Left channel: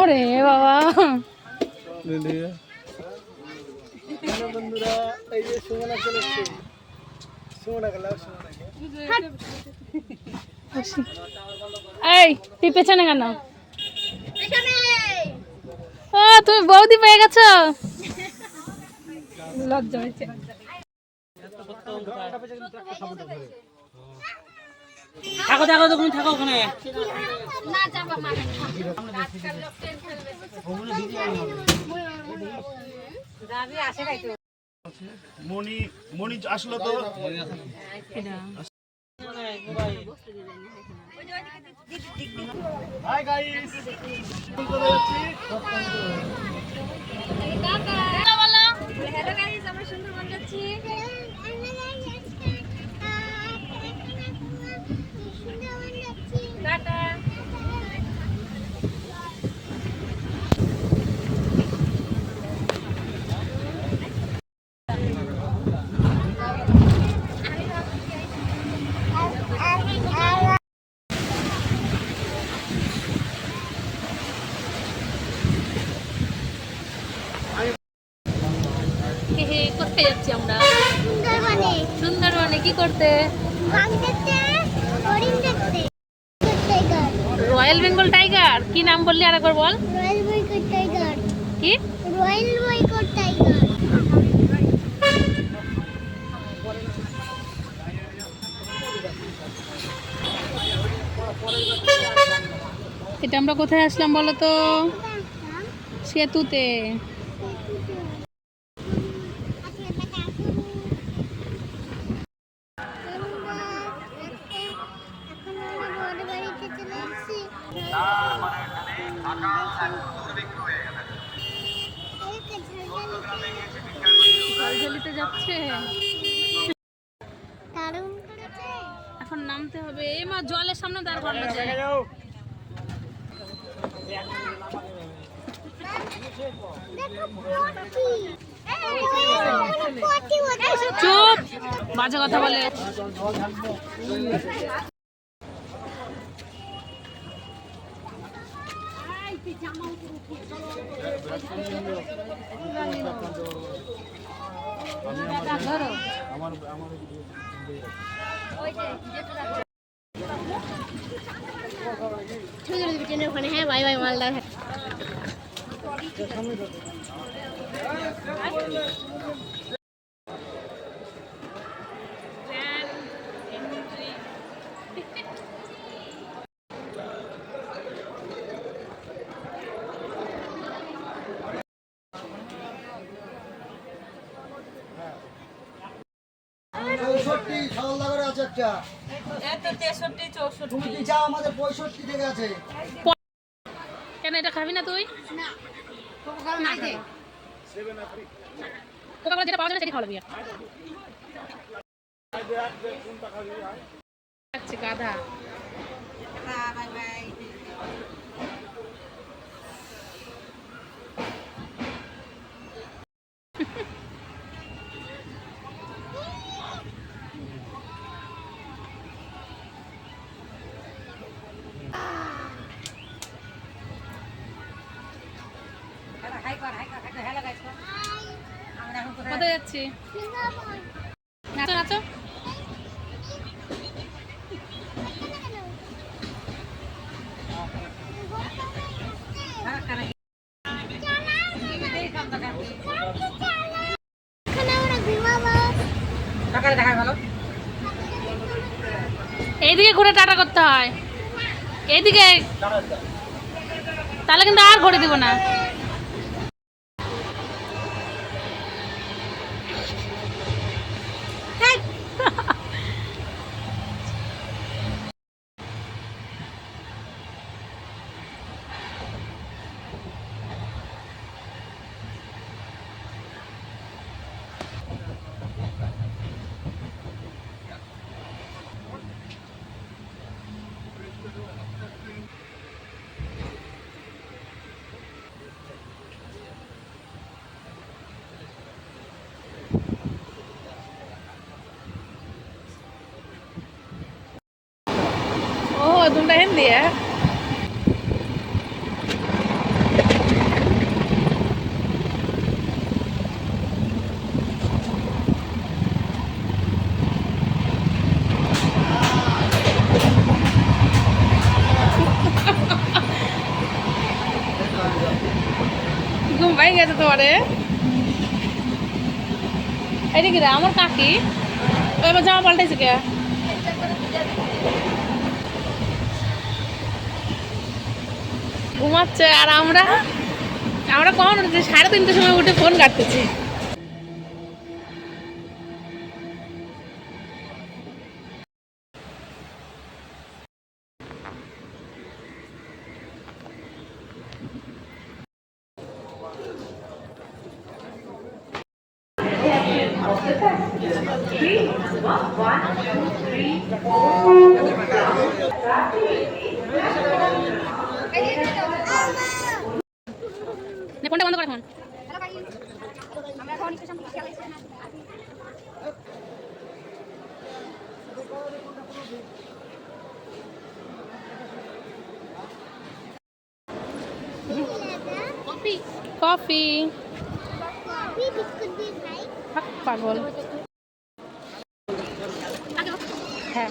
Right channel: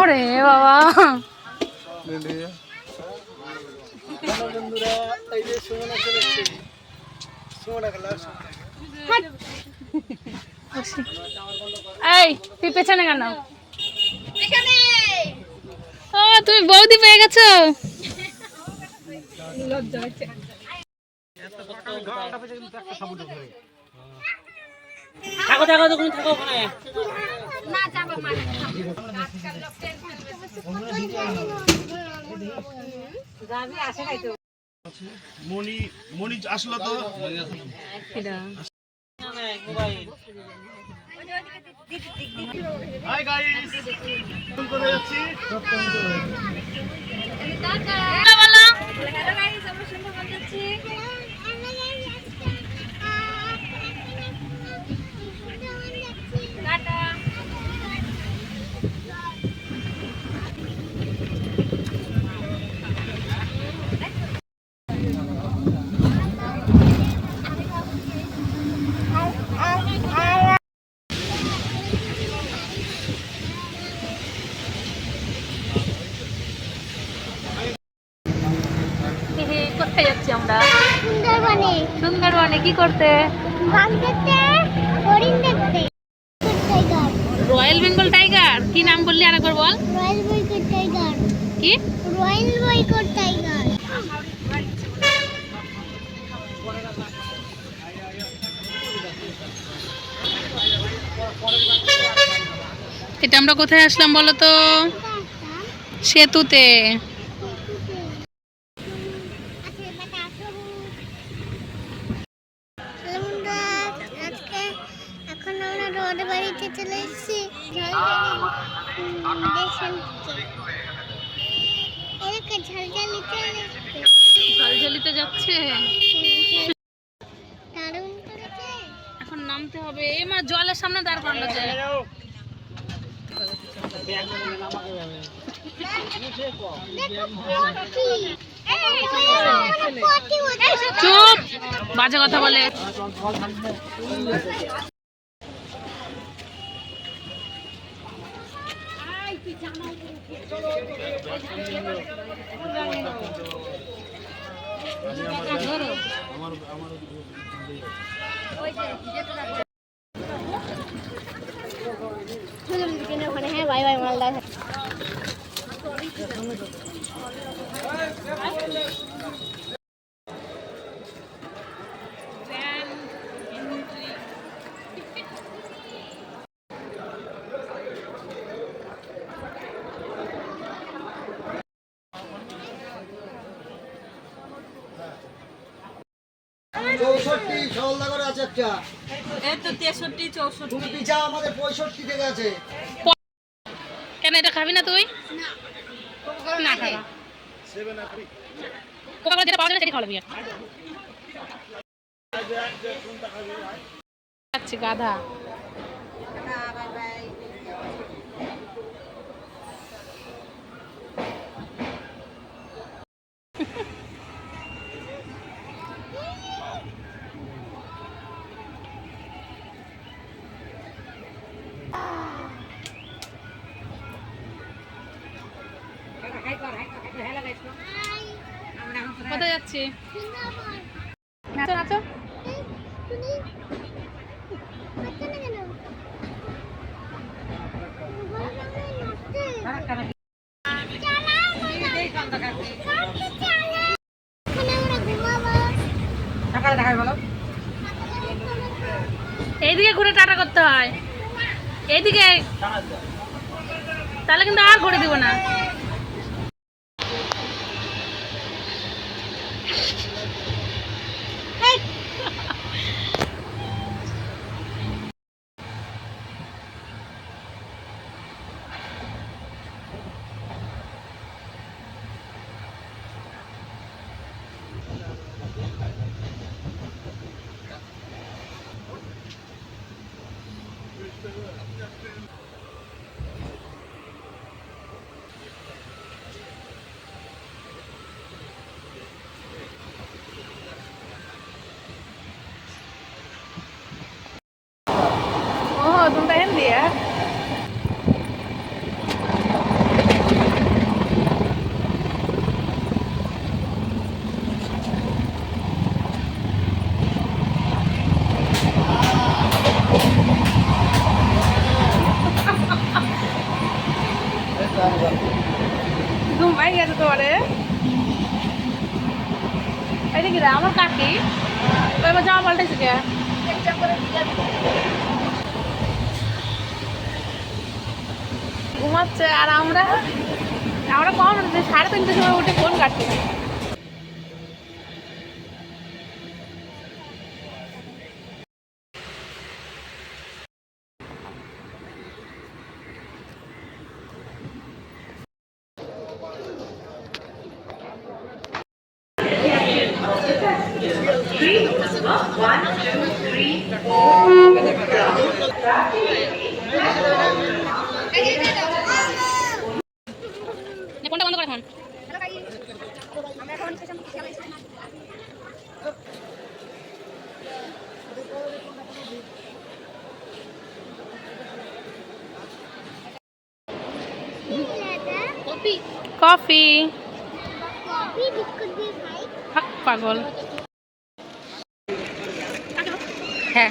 ওরে বাবা। বন্ধুরা এই যে সুমনা চলে এসছে সুমনা কালার এই তুই পেছনে। কেন তুমি বৌদি পেয়ে গেছো। লজ্জা হচ্ছে থাকো থাকো তুমি থাকো ওখানে। মনি মনি আসলো তো। হাই গাইস চলে যাচ্ছি হ্যালো গাইস আমরা সুন্দরবন যাচ্ছি। কোথায় সুন্দরবনে। সুন্দরবনে কি করতে? Royal Bengal tiger? কি নাম বললি আরেকবার বল? Royal tiger. কি? Royal boycott tiger. এটা আমরা কোথায় আসলাম বলো তো? সেতুতে আজকে এখন আমরা রোড বাড়িতে চলে এসেছি এলাকা ঝালঝালিতে যাচ্ছে। এখন নামতে হবে। এ মা জলের সামনে দাঁড় করানো যায়। চুপ! বাজে কথা বলে। ধরো ওখানে হ্যাঁ বাই বাই মালদা আছে এই তো তেষট্টি চৌষট্টি। তুমি পিছা আমাদের পঁয়ষট্টি থেকে আছে? কেন এটা খাবি না তুই? না। খাবা কোকা কোলা যেটা পাওয়া যাবে সেটা খাওয়াবি আচ্ছা গাধা। এইদিকে ঘুরে টাটা করতে হয়। এইদিকে। তাহলে কিন্তু আর ঘুরে দিব না। তোমরা হেন দিয়ে ঘুম পাই গেছে তোমারে এটা কি রে আমার কাকি তো এবার জামা পাল্টাইছে কে ঘুমাচ্ছে আর আমরা আমরা কখন সাড়ে তিনটের সময় উঠে ফোন কাটতেছি। নে, কফি। পাগল। হ্যাঁ।